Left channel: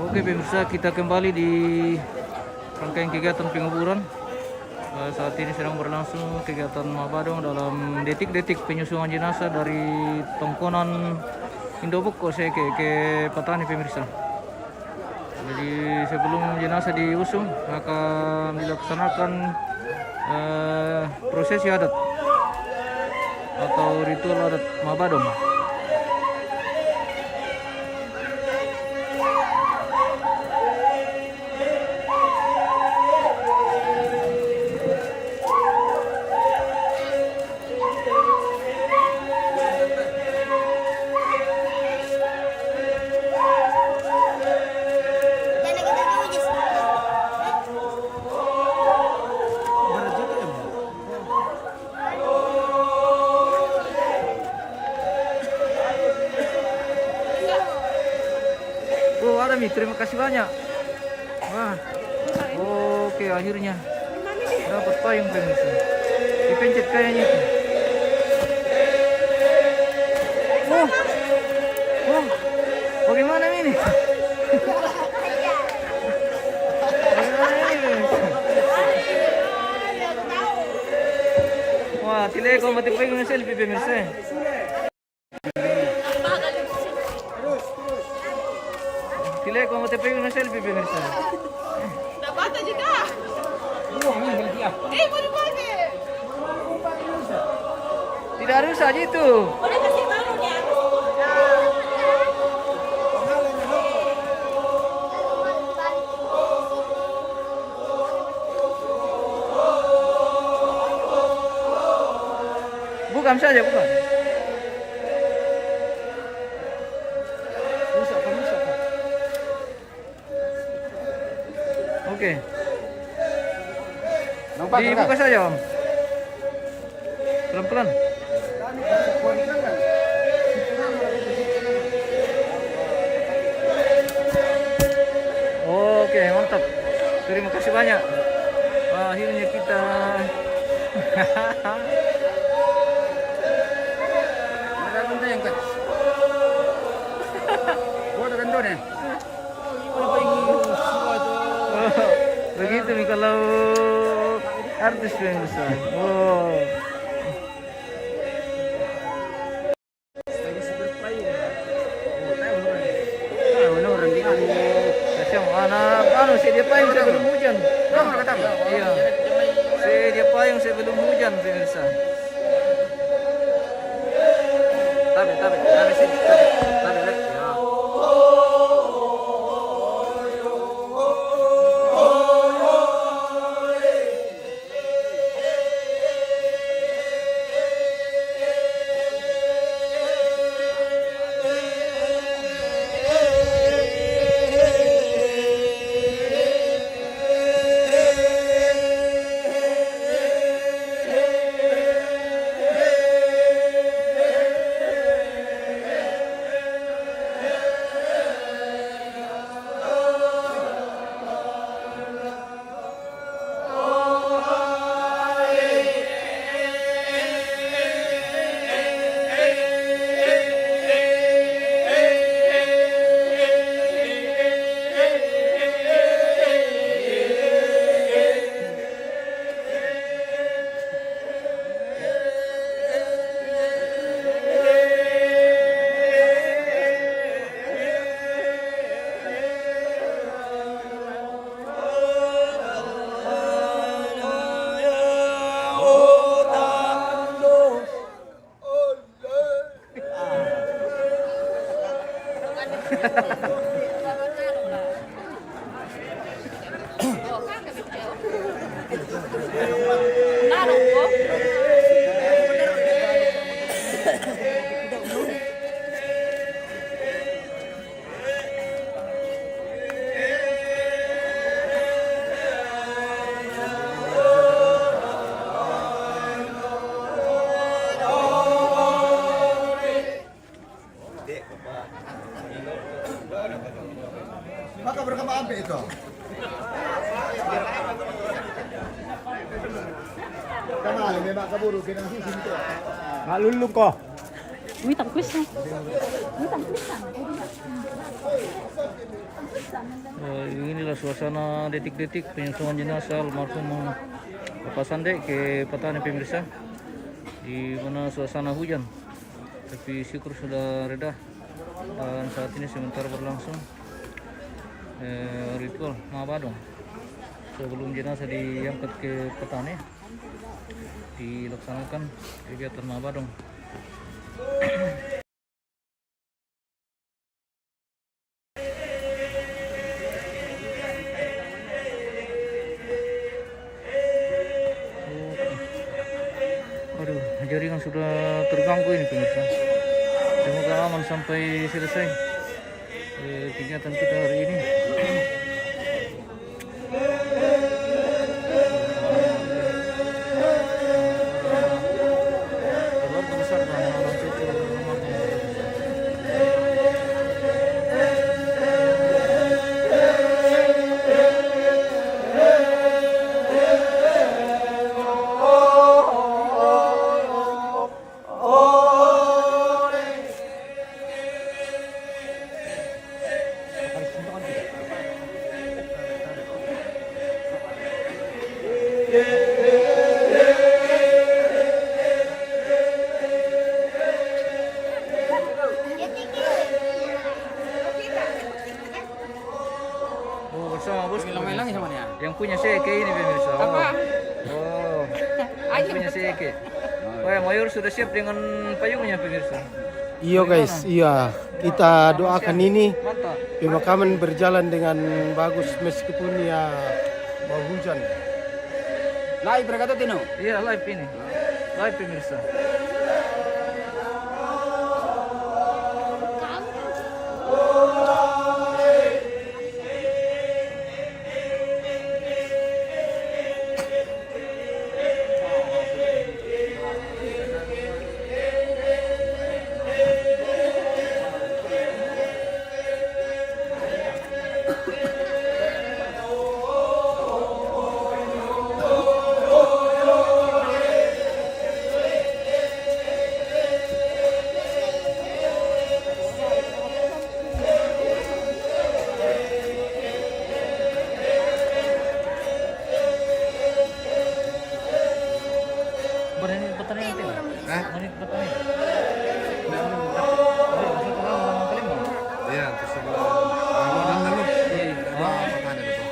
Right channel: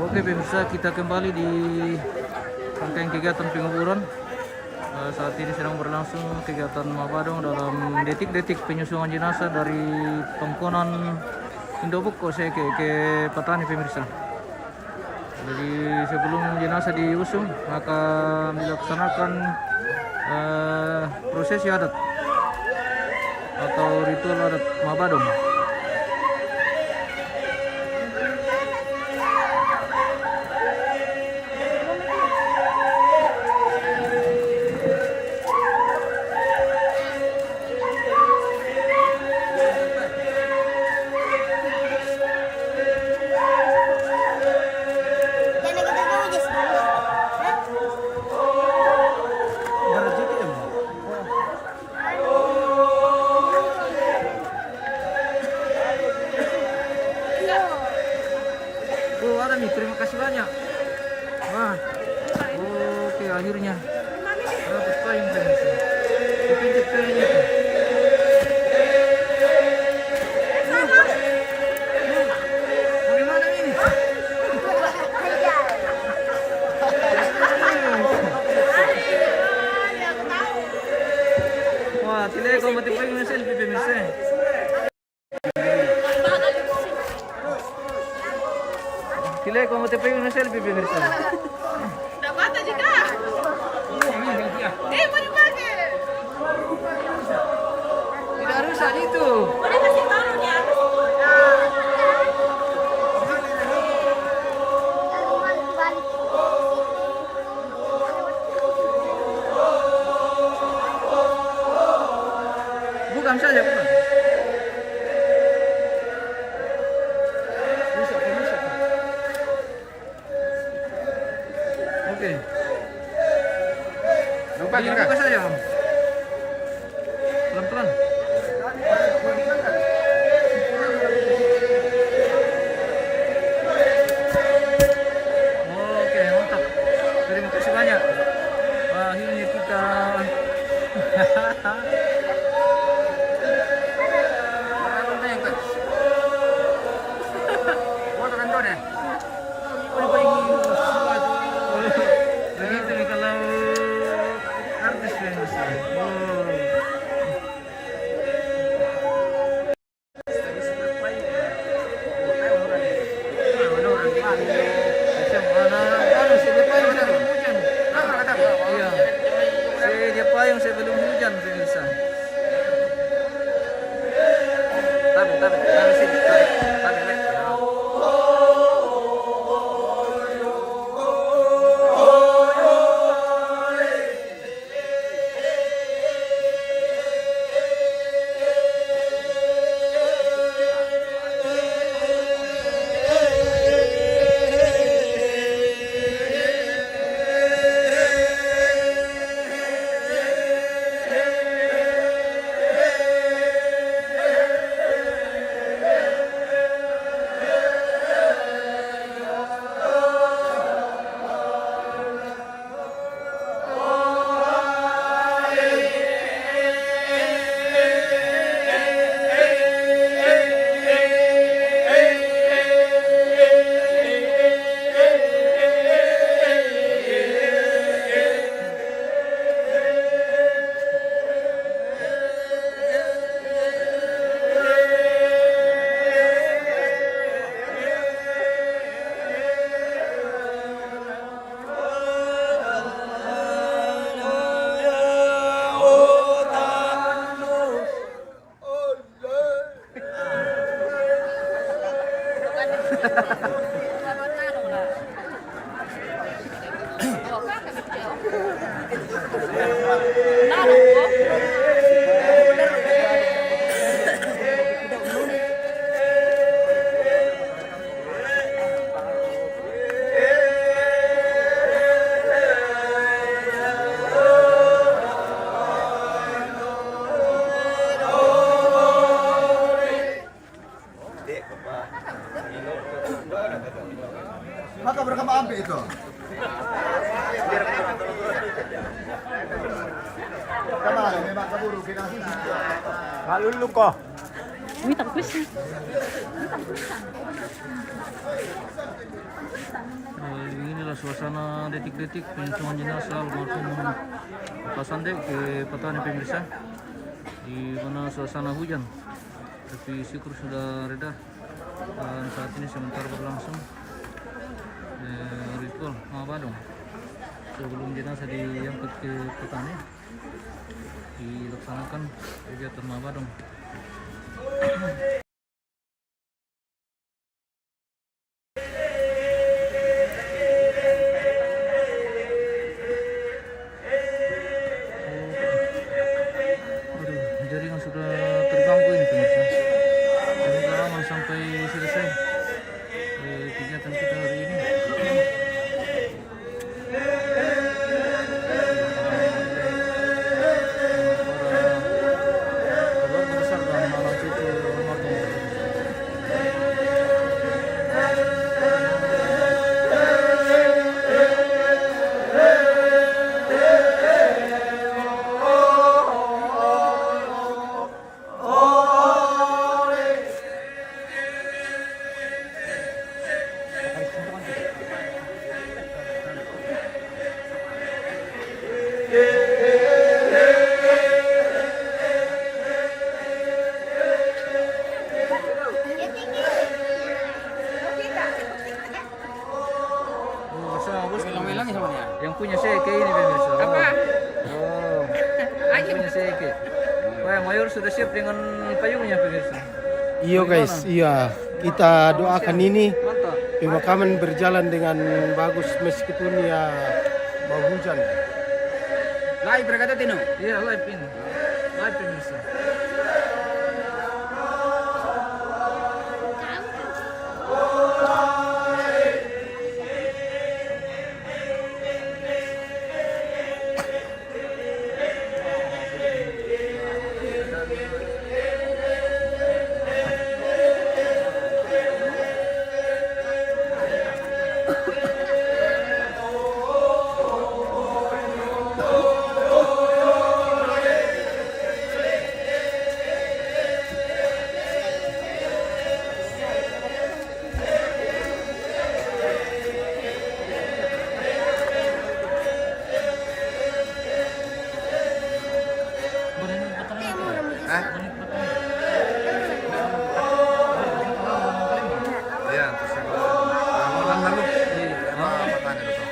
Oke pemirsa, kita kembali di rangkaian kegiatan penguburan. Saat ini sedang berlangsung kegiatan Mabadong dalam detik-detik penyusungan jenazah dari Tongkonan Indobuk ke Patani pemirsa. Jadi sebelum jenazah diusung akan dilaksanakan prosesi adat atau ritual adat Mabadong. Oh ada Mi, terima kasih banyak. Wah, oke akhirnya dapat payung pemirsa. Dipencet kayaknya itu. Oh, bagaimana ini? Wah, tidak kau mati payung selfie pemirsa. Tidak kau mati payung selfie pemirsa. Dapat aja kak. Mau dipakai. Tidak harus saja itu. Udah kasih baru ya. Bukan saja, bukan. Bisa. Oke. Dibuka saja, Om. Pelan-pelan. Oke, mantap. Terima kasih banyak. Wah, akhirnya kita begitu nih kalau artis pemirsa. Wow. Payung sebelum hujan pemirsa. Tarik sini, tarik. Maka berkembang ambil itu. Kemana? Memang keburu kita sisi. Malulu ko. Mitang quiz na. Inilah suasana detik-detik penyusungan jenazah almarhum Bapak Sande ke Patani pemirsa, di mana suasana hujan, tapi syukur sudah reda dan saat ini sementara berlangsung ritual Mabadong sebelum jenazah diangkat ke Patani, dilaksanakan kegiatan Mabadong. Aduh, jaringan sudah terganggu ini pemirsa. Semoga aman sampai selesai kegiatan kita hari ini. Para keluarga besar dan anak cucu almarhum. Oh, bersama bos. Yang punya seke ini pemirsa. Oh. Apa? Oh. Yang punya seke. Wah, Mayor sudah siap dengan payungnya pemirsa. Iya guys, iya. Kita doakan ini Mantap. pemakaman berjalan dengan bagus meskipun ya mau hujan. Live berkata Tino. Iya, live ini. Live pemirsa. Berani petani itu. Berani petani. Iya, terus orang lalu. Ah, Tanya itu.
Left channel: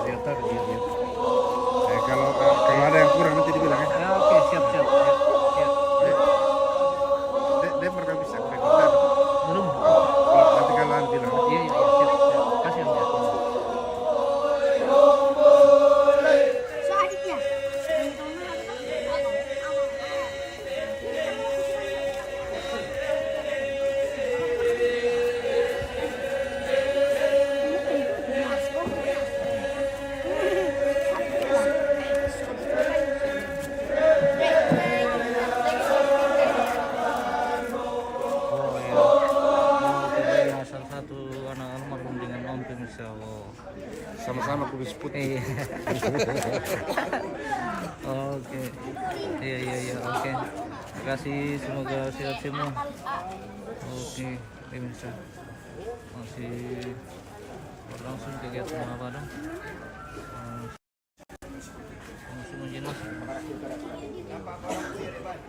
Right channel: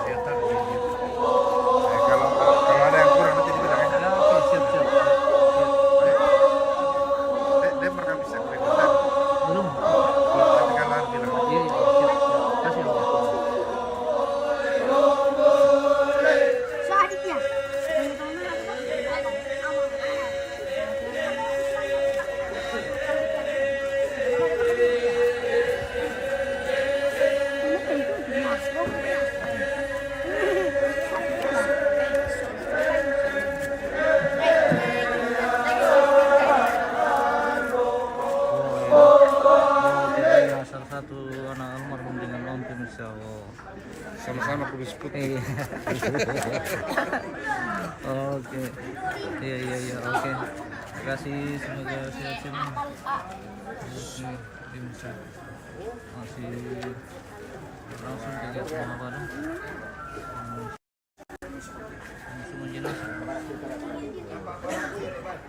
Saya tahu. Kalau ada yang kurang nanti dibilang. Oke, siap. Dia pernah bisa Belum. Tapi kan nanti bilang. Iya, siap. Kasih ya. Oh iya. Oh, kita ya salah satu anak almarhum dengan Om pemirsa. Oh. Sama-sama kumis putih. Iya. Oke. Iya. Oke. Terima kasih. Semoga sehat semua. Oke, pemirsa. Masih berlangsung kegiatan apa dong? Langsung jenazah. Tarik. Ya, tarik.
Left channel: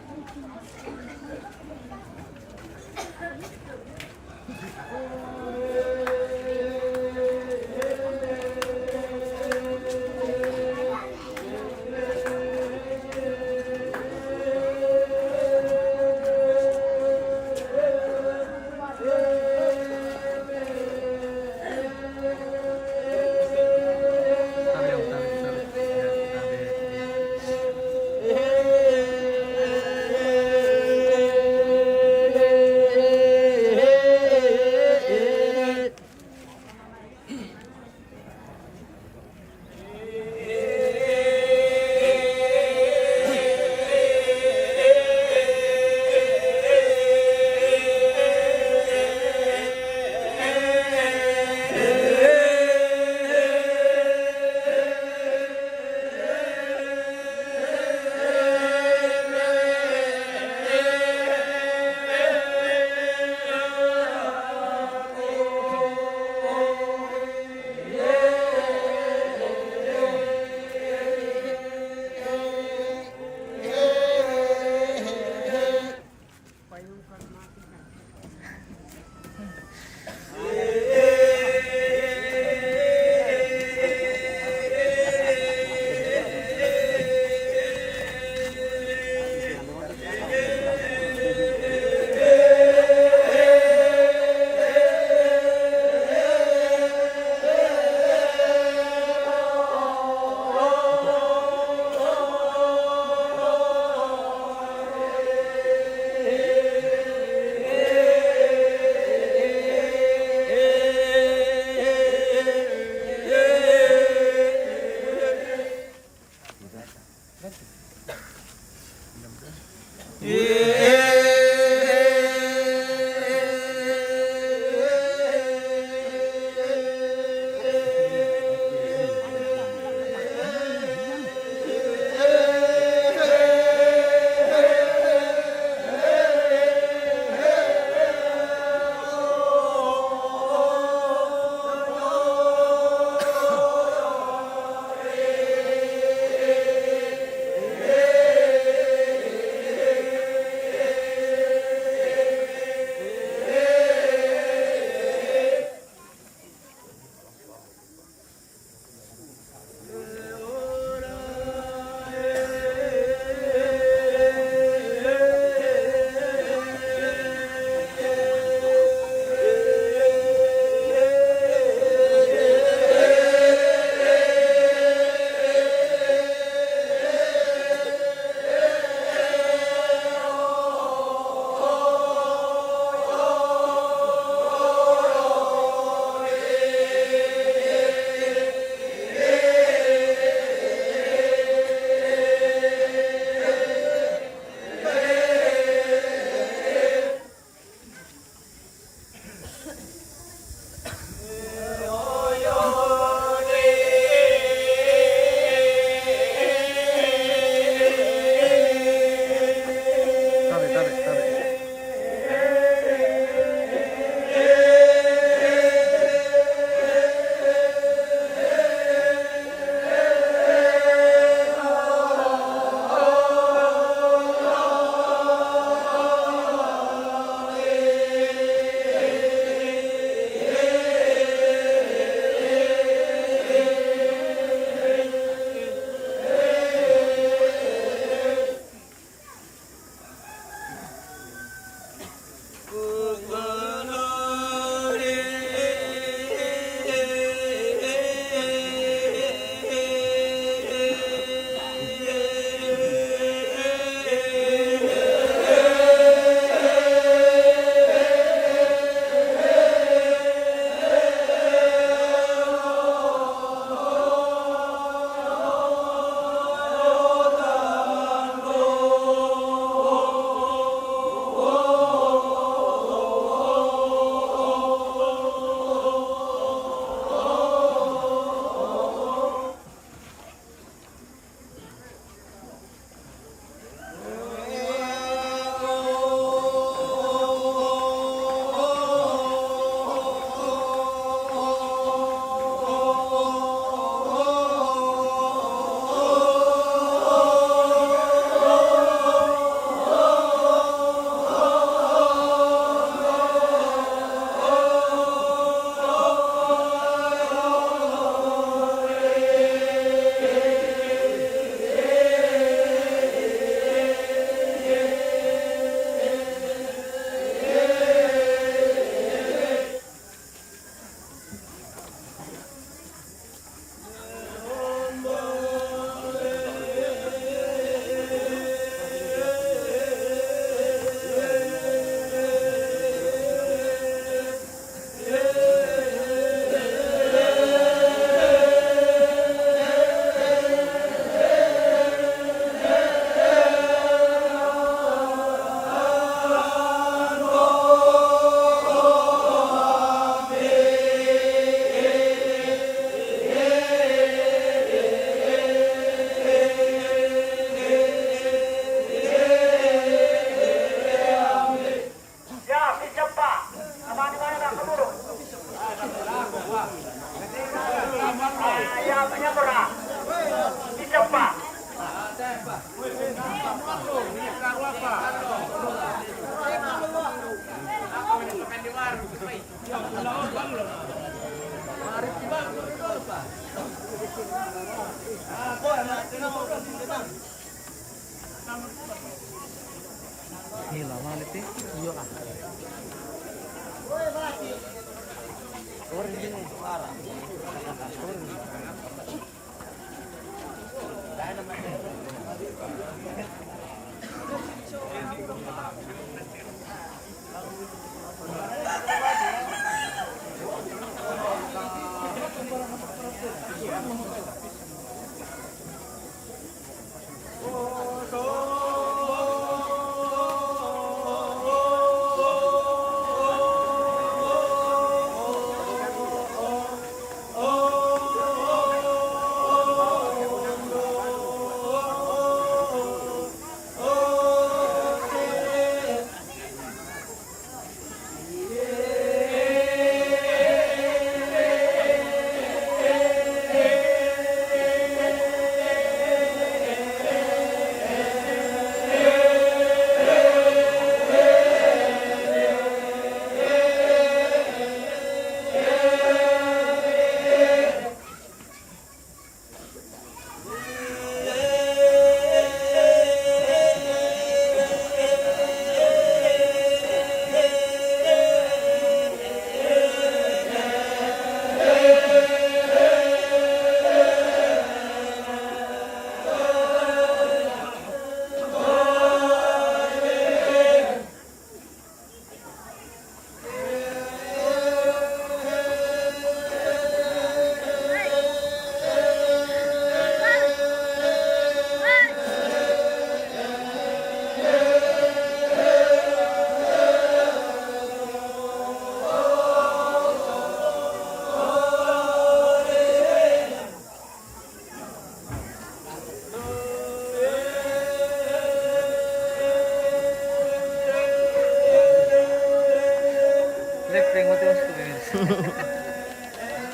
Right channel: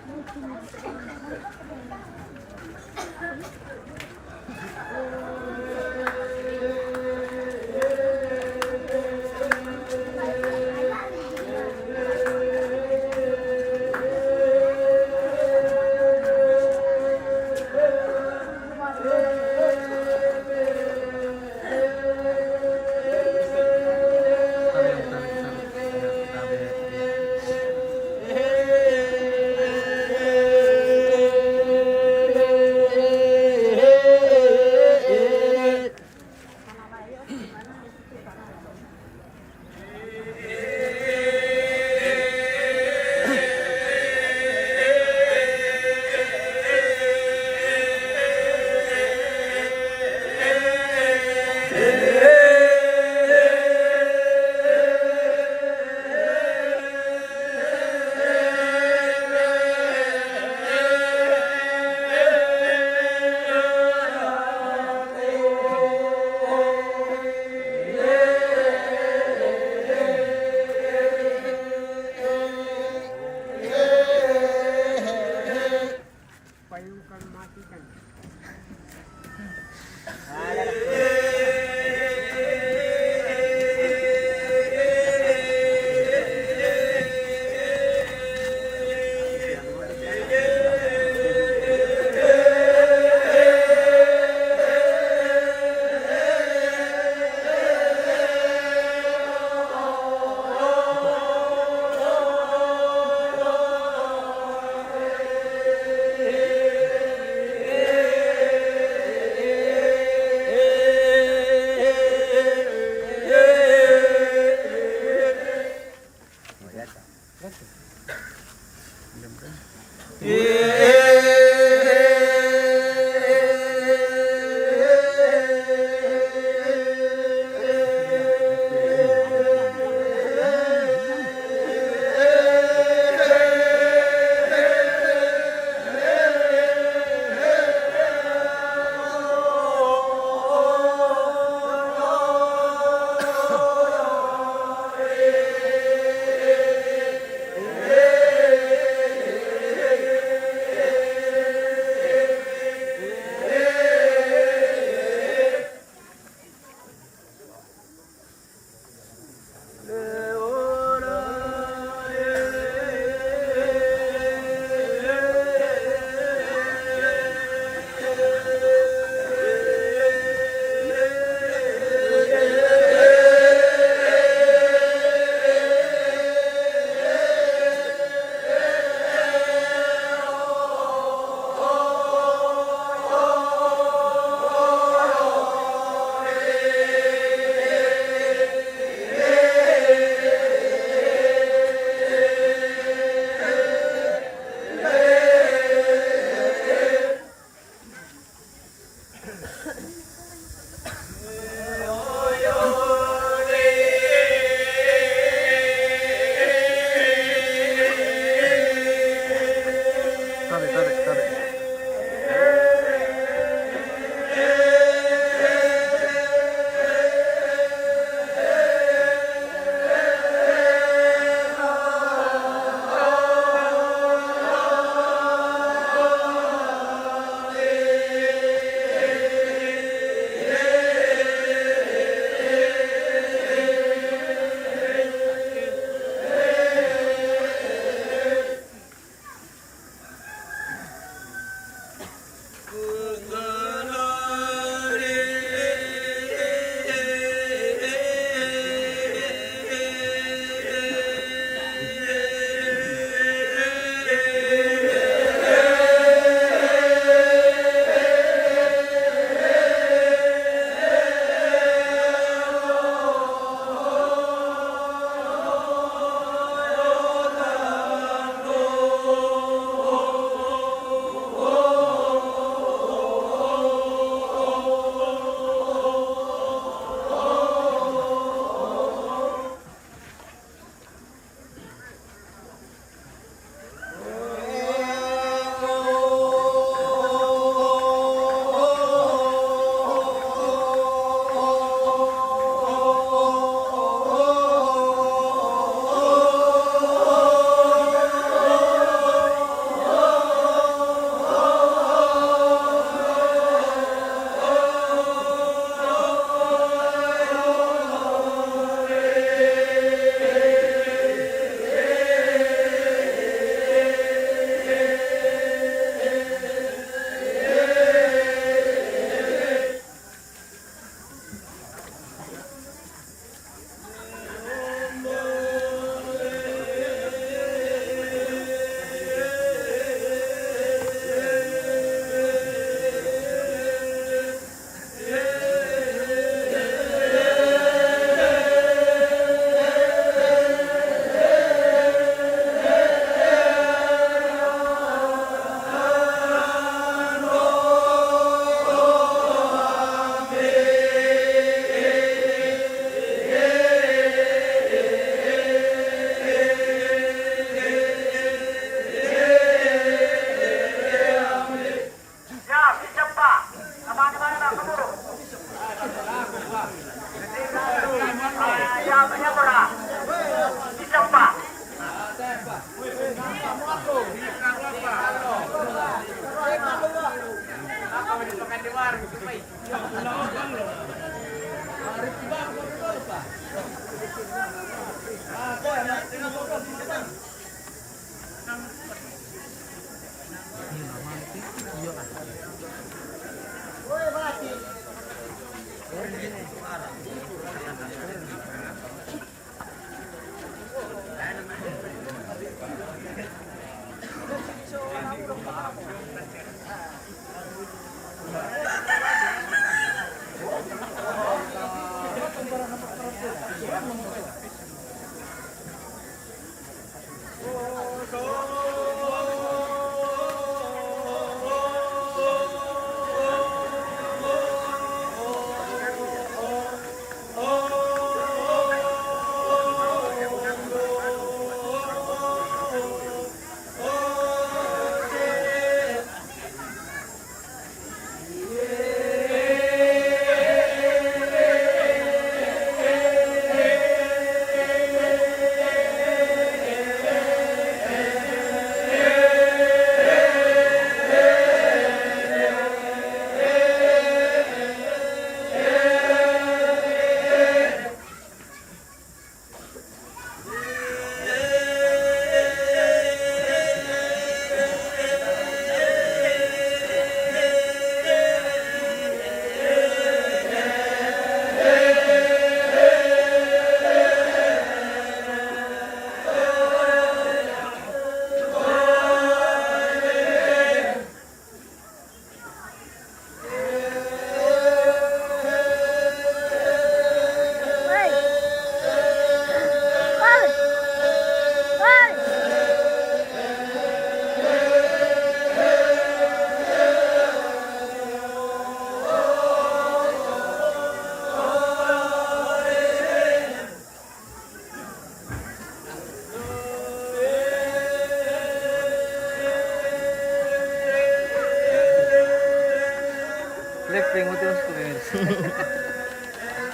Lifting mo tiwas ko guys.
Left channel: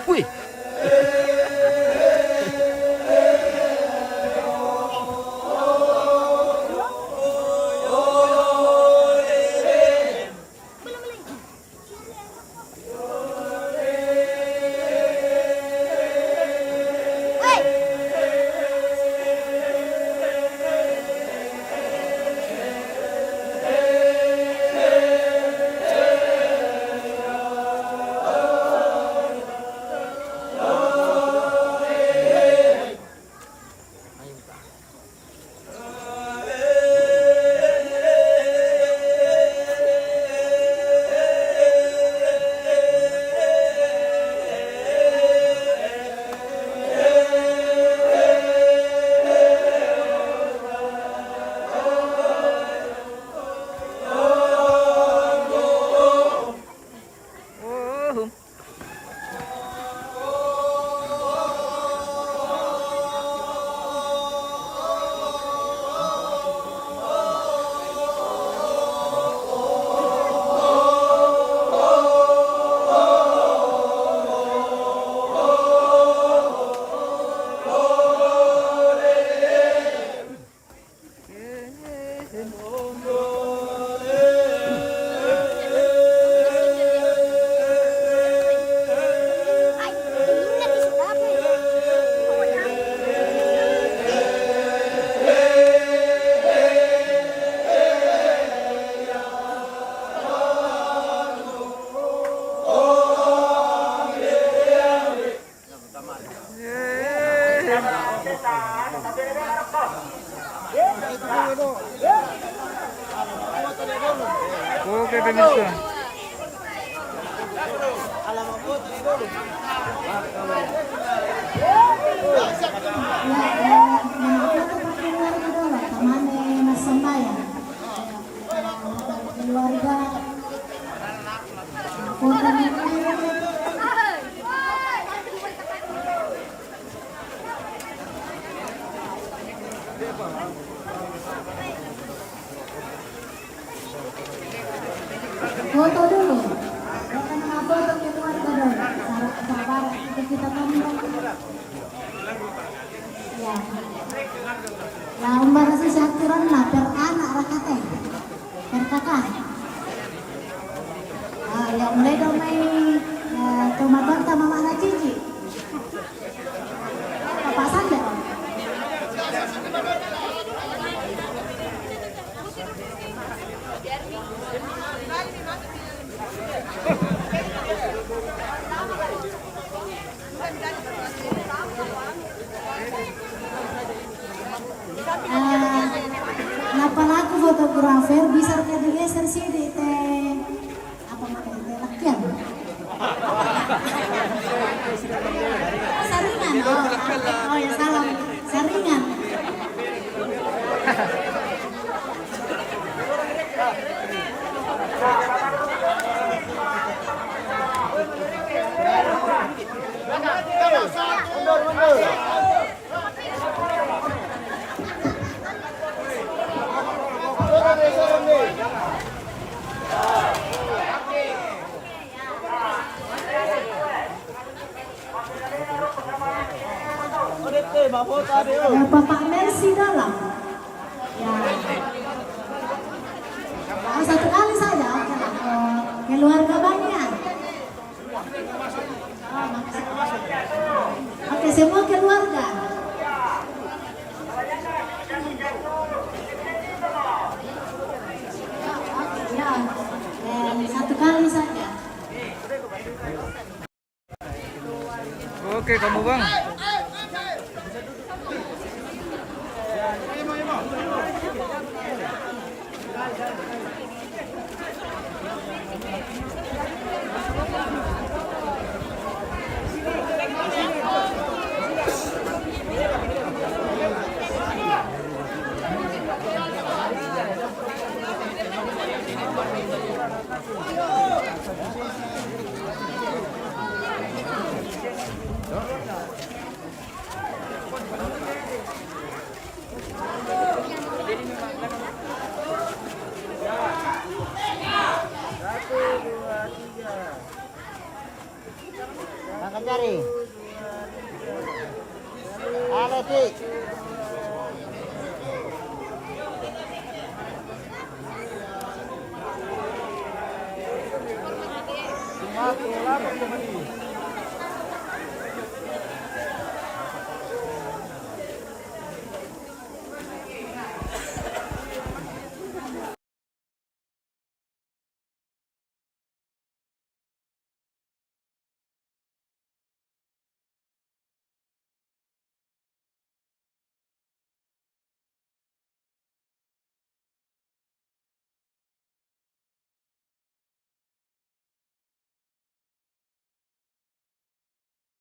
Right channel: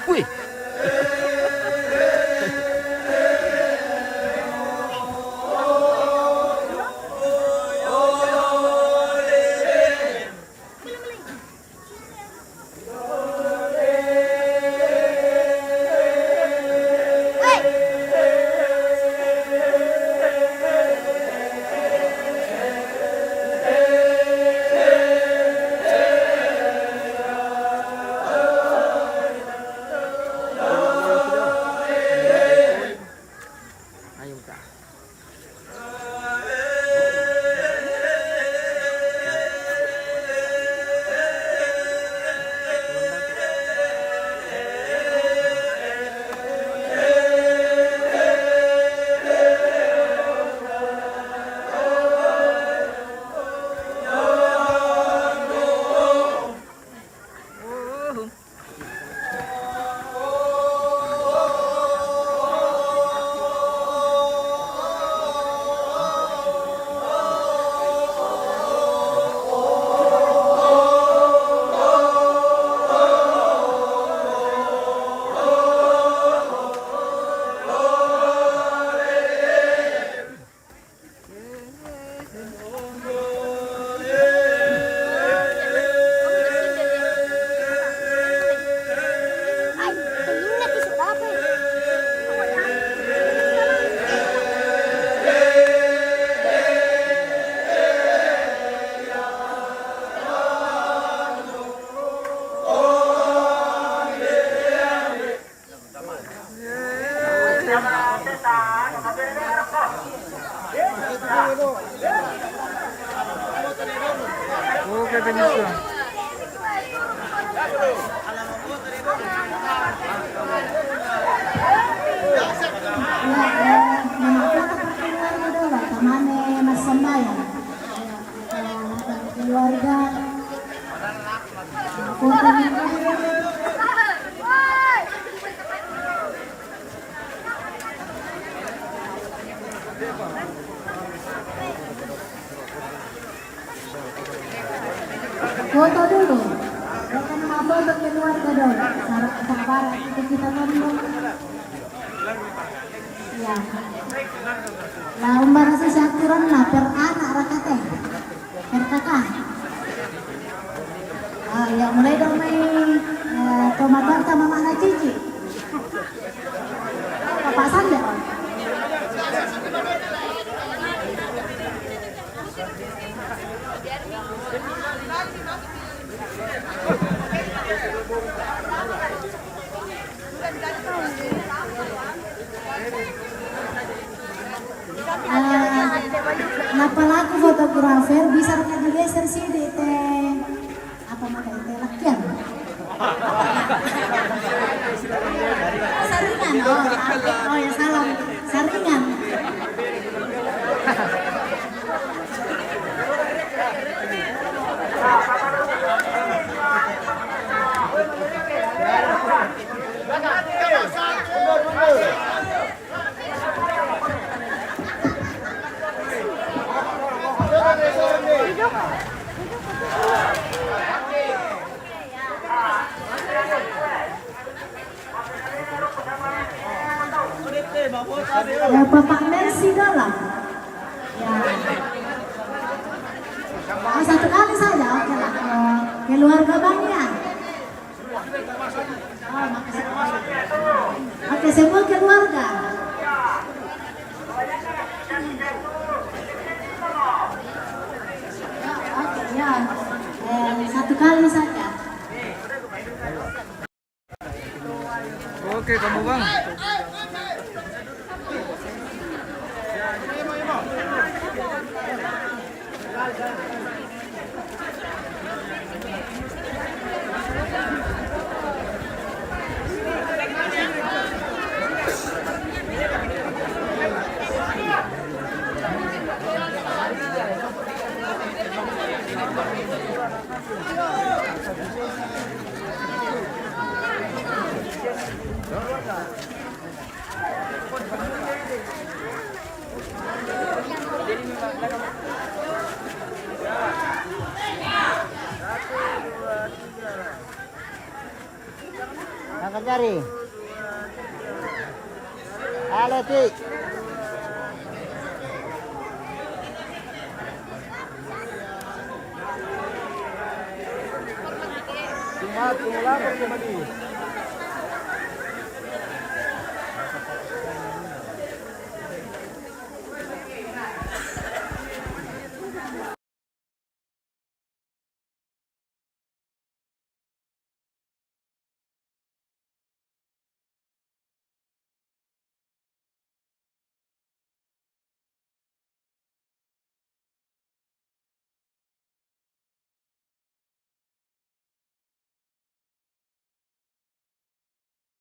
Uy! Okay, permiso. Keluarga foto dulu. Jangan foto keluarga dulu. Apalagi fotografer bisa digeser sih di teh apa makanya teh lakian. Saringan. Oh ya salah. Saringan. Bapak Mercy dalam. Ya. Satu kali saja keluarga banyak. Oke, semua keluarga. Oke, ya. Satu kali saja. Oke, kamu Bang. Nakajari. Halo, Cik. Tinggal